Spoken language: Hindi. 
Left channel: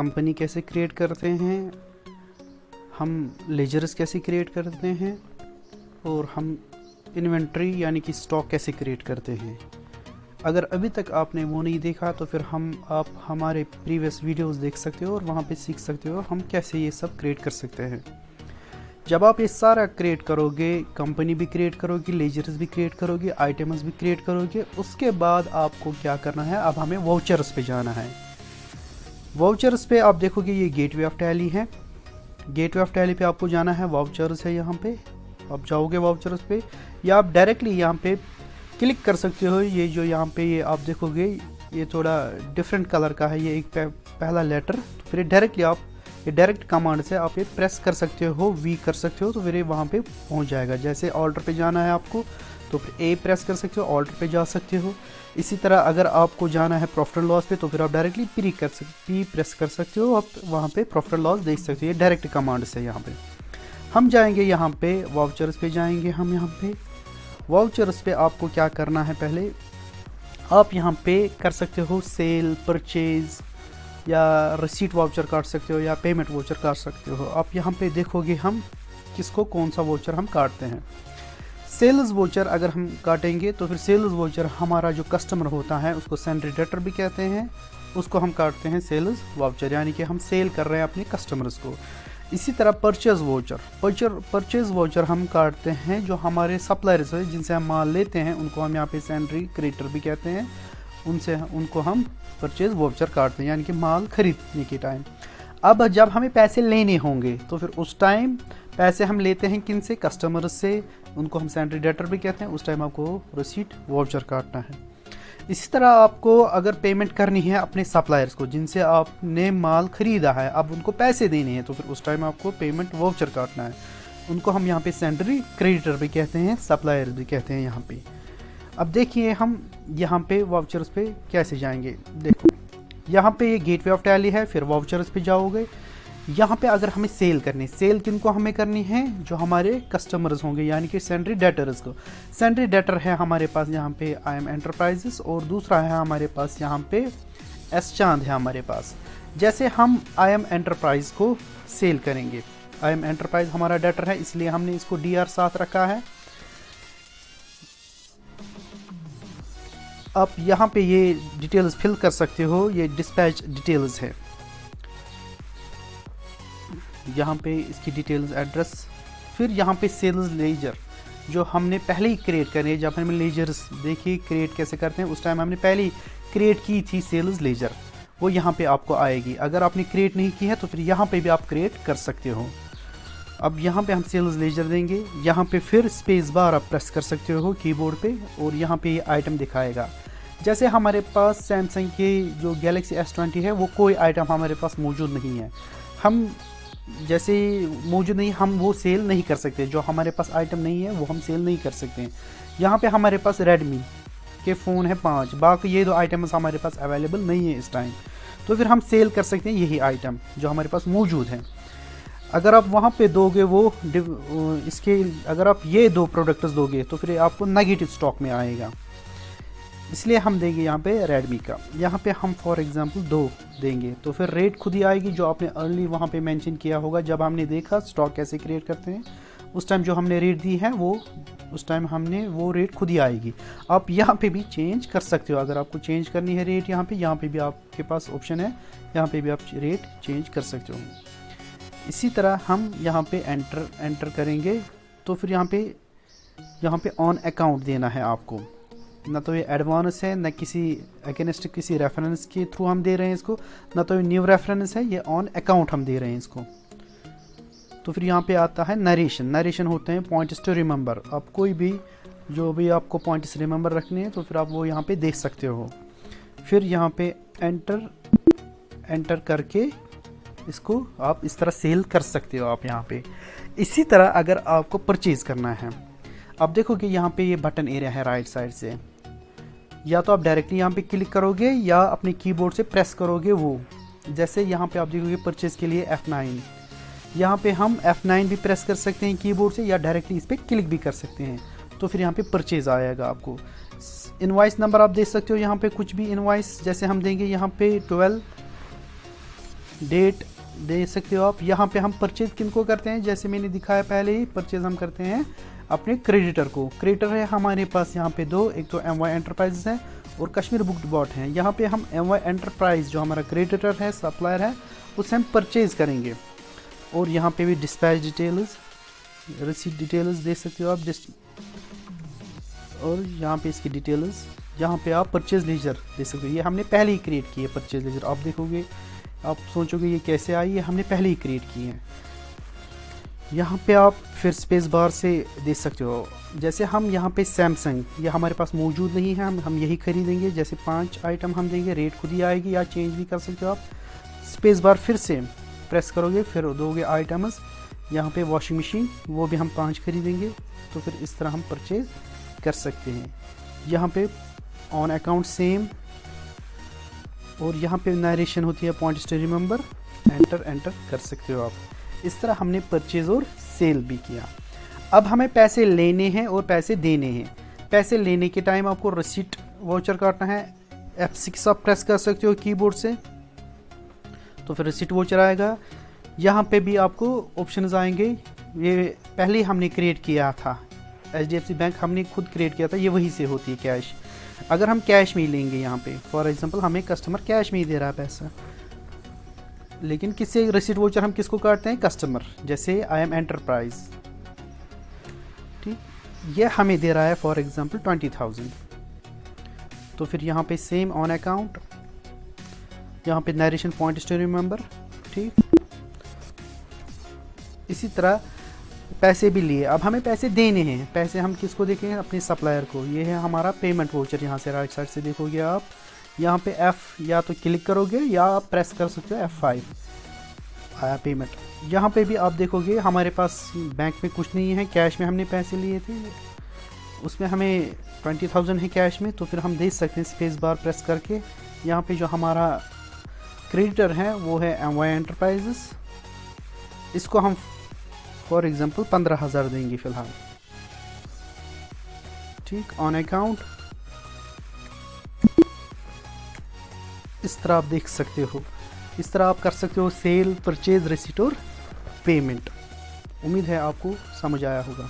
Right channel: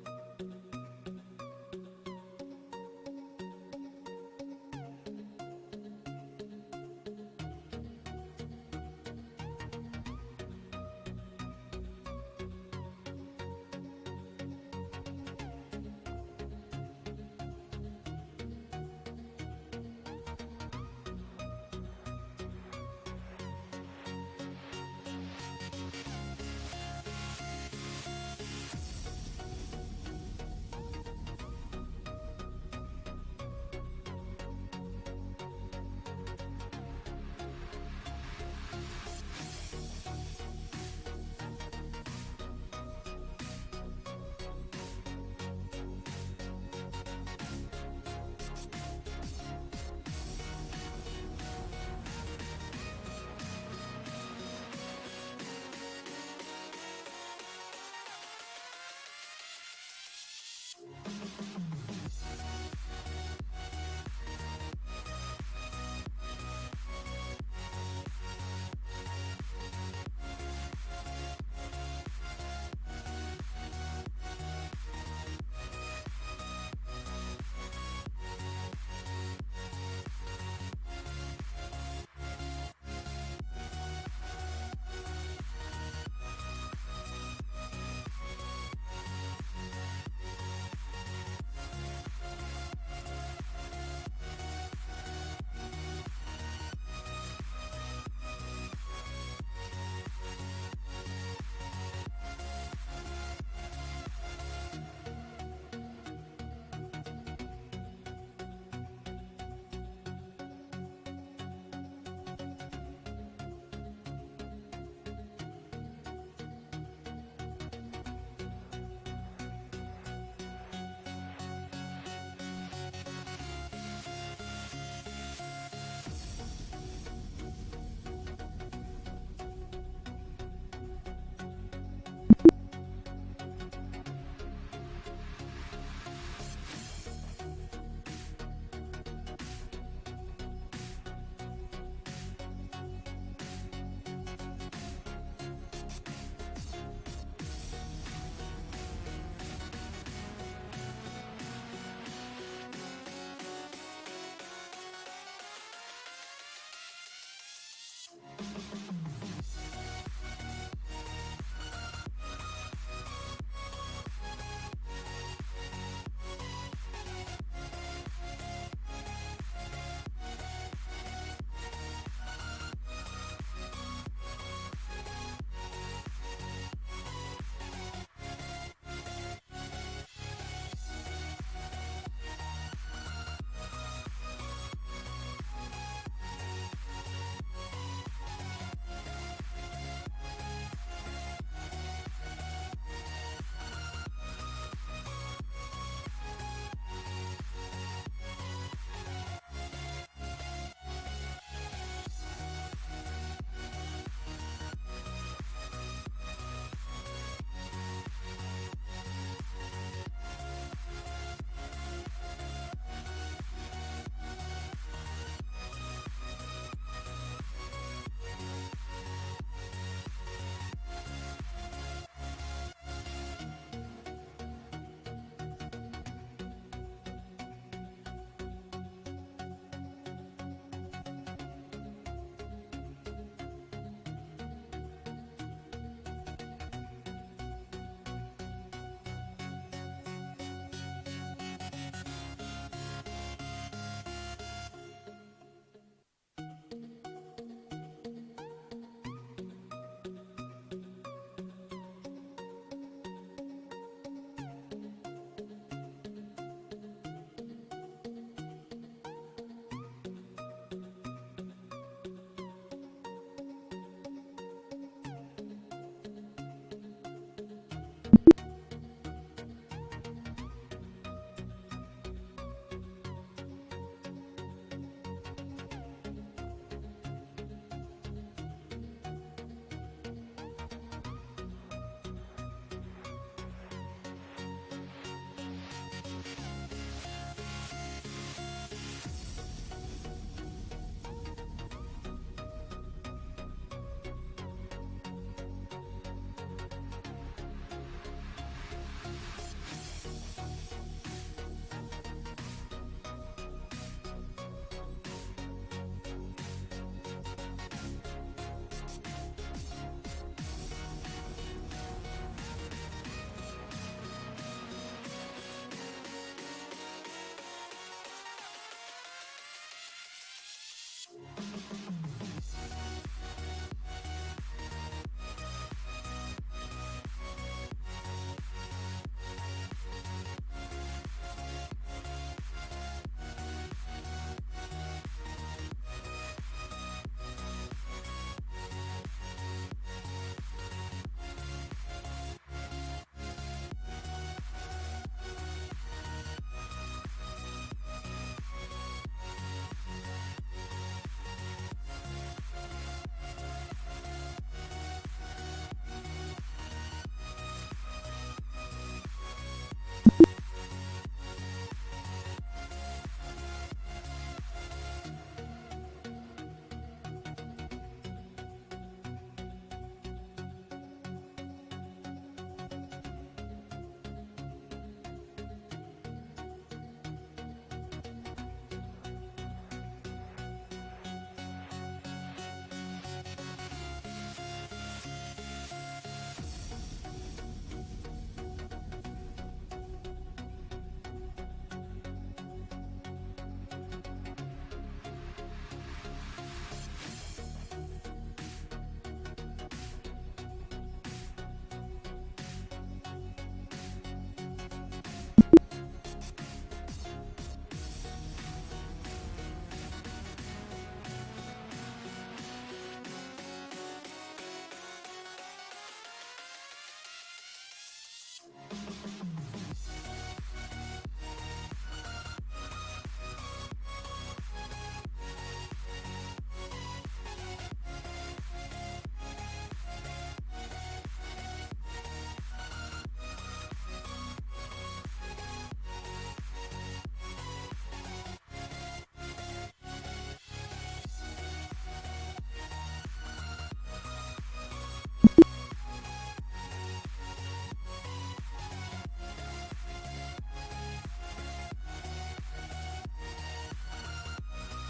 कंपनी कैसे क्रिएट करते हैं, हम लेजर्स कैसे क्रिएट करते हैं और हम इन्वेंट्री यानी कि स्टॉक कैसे क्रिएट करते हैं। अगर अभी तक आपने वो नहीं देखा तो फिर आप हमारे प्रीवियस वीडियोस देख सकते हो और वहाँ पे सीख सकते हो हम कैसे ये सब क्रिएट कर सकते हैं। जब आप ये सारा क्रिएट करोगे, कंपनी भी क्रिएट करोगे, लेजर्स भी क्रिएट करोगे, आइटम्स भी क्रिएट करोगे, उसके बाद आपको क्या करना है, अब हमें वाउचर्स पे जाना है। वाउचर्स पे आप देखोगे ये गेटवे ऑफ टैली है। गेटवे ऑफ टैली पे आपको जाना है, वाउचर्स है यहाँ पे। आप जाओगे वाउचर्स पे या आप डायरेक्टली यहाँ पे क्लिक कर सकते हो। ये जो यहाँ पे ये आप देखोगे ये थोड़ा डिफरेंट कलर का है, ये एक पहला लेटर, फिर डायरेक्टली आप ये डायरेक्ट कमांड से आप ये प्रेस कर सकते हो, वी कर सकते हो, तो फिर ये वहाँ पे पहुँच जाएगा। जैसे ऑर्डर पे जाना है आपको तो फिर ए प्रेस कर सकते हो, ऑर्डर पे जा सकते हो। इसी तरह अगर आपको जाना है प्रॉफिट एंड लॉस पे तो फिर आप डायरेक्टली पी प्रेस कर सकते हो, आप वहाँ पे प्रॉफिट एंड लॉस देख सकते हो, ये डायरेक्ट कमांड से। यहाँ पे हम जाएंगे, यहाँ पे वाउचर्स पे जाएंगे हम। यहाँ पे वाउचर्स पे आपको क्या करना है, पहले आप यहाँ पे कर सकते हो सेल, परचेज या रिसीट वाउचर काट सकते हो या पेमेंट वाउचर काट सकते हो। आप यहाँ पे देखोगे हम किसको कौन सा वाउचर हम काटते हैं। सेल्स वाउचर अगर हम काटेंगे तो फिर सेल्स वाउचर हमारा जो कस्टमर होता है उसको सेंड्री डेटर भी कहते हैं, उसको हम काटते हैं सेल्स वाउचर, यानी कि हम सेल कर रहे हैं अपने कस्टमर्स को। इसी तरह परचेज वाउचर हम काटते हैं जो हमारे सप्लायर्स हैं जिनसे हम माल लेते हैं, उनको हम यहाँ पे सेंड्री क्रेडिटर भी कहते हैं, उनको हम परचेज वाउचर काटते हैं, यानी कि माल खरीदने के टाइम। अब जब हमें पैसे लेने होंगे तो फिर उस टाइम पैसे हम लेते हैं किन से, कस्टमर्स से, उनको हम सेंड्री डेटर भी कहते हैं। उस टाइम आपको रिसीट वाउचर काटना है। इसी तरह आपको अगर पेमेंट करनी है अपने सप्लायर्स को जिनसे आपने माल खरीदा है, अब उनको पैसे देने हैं, तो फिर उस टाइम आपको पेमेंट वाउचर काटना है। उनको हम यहाँ पे सेंड्री क्रेडिटर भी कहते हैं, सप्लायर भी कहते हैं यहाँ पे। अब देखिए हम यहाँ पे वाउचर्स पे कैसे जाएंगे। देखो यहाँ पे ये गेटवे ऑफ टैली है, फिर वाउचर्स पे जाओगे। यहाँ पे अगर हमें सेल करनी, सेल किनको हमें करनी है, जो हमारे कस्टमर्स होंगे यानी कि सेंड्री डेटर्स को। सेंड्री डेटर है हमारे पास यहाँ पे IM एंटरप्राइजेस, और दूसरा है हमारे पास यहाँ पे एस चांद है हमारे पास। जैसे हम IM एंटरप्राइज को सेल करेंगे, IM एंटरप्राइज हमारा डेटर है इसलिए हमने इसको DR साथ रखा है। आप यहाँ पे ये डिटेल्स फिल कर सकते हो, ये डिस्पैच डिटेल्स है, यहाँ पे इसकी डिटेल्स, एड्रेस। फिर यहाँ पे सेल्स लेजर जो हमने पहले ही क्रिएट करनी है। जब हमने लेजर्स देखिए क्रिएट कैसे करते हैं, उस टाइम हमने पहले ही क्रिएट की थी सेल्स लेजर, वो यहाँ पे आपको आएगी। अगर आपने क्रिएट नहीं की है तो फिर यहाँ पे भी आप क्रिएट कर सकते हो। अब यहाँ पे हम सेल्स लेजर देंगे, यहाँ पे फिर स्पेस बार आप प्रेस कर सकते हो कीबोर्ड पे, और यहाँ पे ये आइटम दिखाएगा। जैसे हमारे पास सैमसंग के जो गैलेक्सी S20 है, वो कोई आइटम हमारे पास मौजूद नहीं है, हम जैसे मौजूद नहीं, हम वो सेल नहीं कर सकते। जो हमारे पास आइटम नहीं है वो हम सेल नहीं कर सकते हैं। यहाँ पे हमारे पास रेडमी के फ़ोन है 5, बाकी ये 2 आइटम्स हमारे पास अवेलेबल नहीं है इस टाइम, तो फिर हम सेल कर सकते हैं यही आइटम जो हमारे पास मौजूद है। अगर आप वहाँ पे दोगे वो इसके, अगर आप ये 2 प्रोडक्ट्स दोगे तो फिर आपको नेगेटिव स्टॉक में आएगा, इसलिए हम देंगे यहाँ पे रेडमी का। यहाँ पे हम फॉर एग्जांपल 2 देंगे तो फिर रेट खुद ही आएगी, जो आपने अर्ली वहाँ पे मेंशन किया होगा जब हमने देखा स्टॉक कैसे क्रिएट करते हैं। उस टाइम जो हमने रेट दी है वो उस टाइम हमने वो रेट खुद ही आएगी। आप यहाँ पे भी चेंज कर सकते हो, अगर आपको चेंज करनी है रेट यहाँ पे भी आपके पास ऑप्शन है, यहाँ पे भी आप रेट चेंज कर सकते हो। इसी तरह हम यहाँ पे एंटर करेंगे तो फिर यहाँ पे ऑन अकाउंट देना है आपको। ना तो ये एडवांस है, ना किसी अगेंस्ट किसी रेफरेंस के थ्रू हम दे रहे हैं इसको, ना तो ये न्यू रेफरेंस है, ये ऑन अकाउंट हम दे रहे हैं इसको। तो फिर यहाँ पे आता है नरेशन होते हैं पॉइंट्स टू रिमेंबर। आप कोई भी जो भी आपको पॉइंट्स रिमेंबर रखने हैं तो फिर आप वो यहाँ पे देख सकते हो। फिर यहाँ पे एंटर करके इसको आप इस तरह सेल कर सकते हो आप यहाँ पे। इसी तरह अगर आपको परचेज़ करना है, आप देखो कि यहाँ पे ये बटन एरिया है राइट साइड से, या तो आप डायरेक्टली यहाँ पे क्लिक करोगे या अपने कीबोर्ड से प्रेस करोगे वो। जैसे यहाँ पे आप देखोगे परचेज के लिए F9, यहाँ पे हम F9 भी प्रेस कर सकते हैं कीबोर्ड से, या डायरेक्टली इस पर क्लिक भी कर सकते हैं, तो फिर यहाँ पे परचेज आएगा आपको। इनवॉइस नंबर आप दे सकते हो यहाँ पे कुछ भी इनवॉइस, जैसे हम देंगे यहाँ पे डेट दे सकते हो आप। यहाँ पे हम परचेज किनको करते हैं, जैसे मैंने दिखाया पहले ही, परचेज हम करते हैं अपने क्रेडिटर को। क्रेडिटर है हमारे पास यहाँ पे दो, एक तो MY एंटरप्राइजेस है और कश्मीर बुक डिपॉट है। यहाँ पे हम MY एंटरप्राइज जो हमारा क्रेडिटर है, सप्लायर है, उससे हम परचेज करेंगे। और यहाँ पे भी डिस्पैच डिटेल्स, रिसीट डिटेल्स दे सकते हो आप, और यहाँ पे इसकी डिटेल्स, यहाँ पे आप परचेज लेजर दे सकते हो। ये हमने पहले ही क्रिएट की है परचेज लेजर। आप देखोगे, आप सोचोगे ये कैसे आई, ये हमने पहले ही क्रिएट की है। यहाँ पे आप फिर स्पेस बार से दे सकते हो। जैसे हम यहाँ पे सैमसंग, ये हमारे पास मौजूद नहीं है, हम यही खरीदेंगे। जैसे 5 आइटम हम देंगे, रेट खुद ही आएगी या चेंज भी कर सकते हो आप। स्पेस बार फिर से प्रेस करोगे, फिर दोगे आइटम्स। यहाँ पे वॉशिंग मशीन, वो भी हम 5 खरीदेंगे, तो फिर इस तरह हम परचेज कर सकते हैं। यहाँ पे ऑन अकाउंट सेम, और यहाँ पे नरेशन होती है पॉइंट्स टू रिमेंबर, एंटर कर सकते हो आप। इस तरह हमने परचेज और सेल भी किया। अब हमें पैसे लेने हैं और पैसे देने हैं। पैसे लेने के टाइम आपको रिसीट वाउचर काटना है। F6 आप प्रेस कर सकते हो कीबोर्ड से, तो फिर रिसीट वाउचर आएगा। यहाँ पे भी आपको ऑप्शंस आएंगे, ये पहले ही हमने क्रिएट किया था, HDFC बैंक हमने खुद क्रिएट किया था, ये वहीं से होती है कैश। अगर हम कैश में ही लेंगे, यहाँ पे फॉर एग्जांपल हमें कस्टमर कैश में ही दे रहा है पैसा, लेकिन किससे रिसीट वाउचर हम किसको काटते हैं, कस्टमर। जैसे IM एंटरप्राइज, ठीक, ये हमें दे रहा है फॉर एग्जांपल 20,000, तो फिर यहाँ पे सेम ऑन अकाउंट, यहाँ पे नरेशन पॉइंट्स टू रिमेंबर, ठीक। इसी तरह पैसे भी लिए। अब हमें पैसे देने हैं। पैसे हम किसको देखें, अपने सप्लायर को। ये है हमारा पेमेंट वाउचर। यहाँ से राइट साइड से देखोगे आप, यहाँ पे F या तो क्लिक करोगे या आप प्रेस कर सकते हो F5, आया पेमेंट। यहाँ पे भी आप देखोगे हमारे पास बैंक में कुछ नहीं है, कैश में हमने पैसे लिए थे, उसमें हमें 20,000 है कैश में, तो फिर हम देख सकते हैं स्पेस बार प्रेस करके। यहाँ पे जो हमारा क्रेडिटर है वो है MY एंटरप्राइजेस, इसको हम फॉर एग्जांपल 15,000 देंगे फिलहाल, ठीक। ऑन अकाउंट इस तरह आप देख सकते हो। इस तरह आप कर सकते हो सेल, परचेज, रिसीट और पेमेंट। उम्मीद है आपको समझ आया होगा।